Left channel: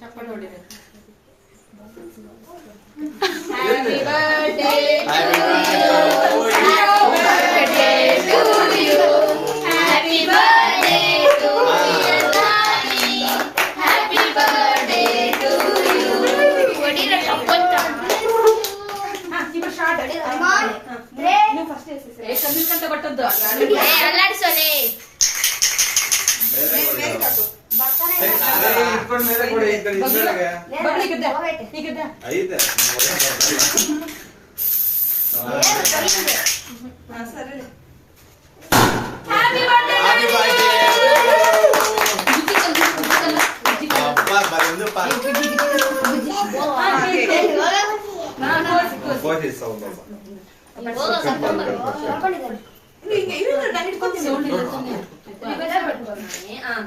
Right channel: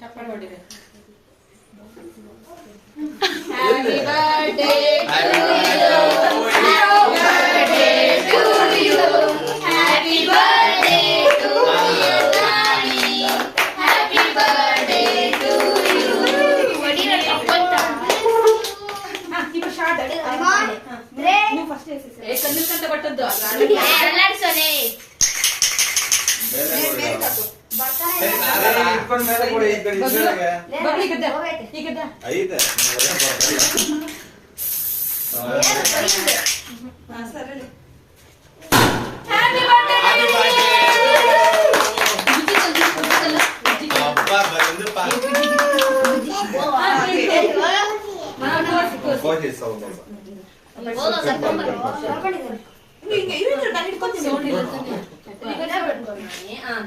Chappal ಹೊಡಿರಿ. Happy birthday to you. Happy birthday to you, Nani. Happy birthday to you. ಹೊಡಿರಿ ಚಪ್ಪಲ್. ಇವ short ನೀವು first Kannada ಕೊಟ್ಟದ್ದು ಅಲ್ಲಾಡ್ಸೋಲೆ.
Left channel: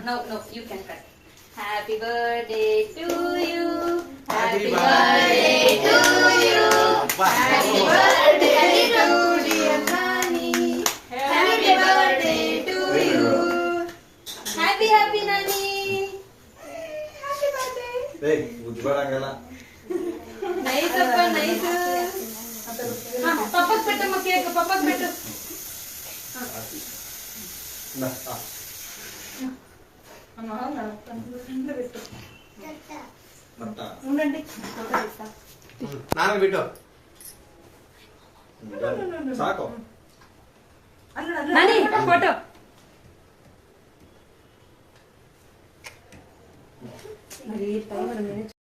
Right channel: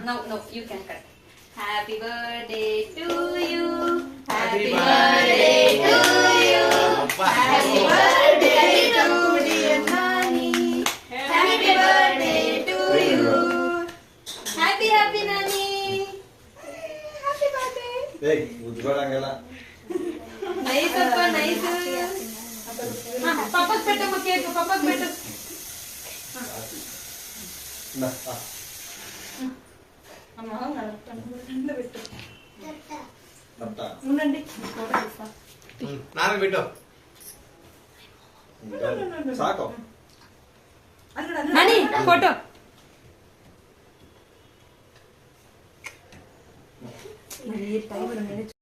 No, you can cut. Happy birthday to you. Happy birthday to you. Happy birthday to dear Nani. Happy birthday to you. Happy Nani. Happy birthday. Hey, ಉಜ್ಬರಂಗಲ್ಲ. Nice appa, nice. ಪಾಪಕ್ పెట్టಮ್ಮ cake ಪಾಪಕ್ పెట్టు. ಅಮ್ಮ ಬಿಟ್ಟು ఉండండి ನಾನು ಬಿಟ್ಟು ಸಾಕು ಮಣಿ ಫೋಟೋ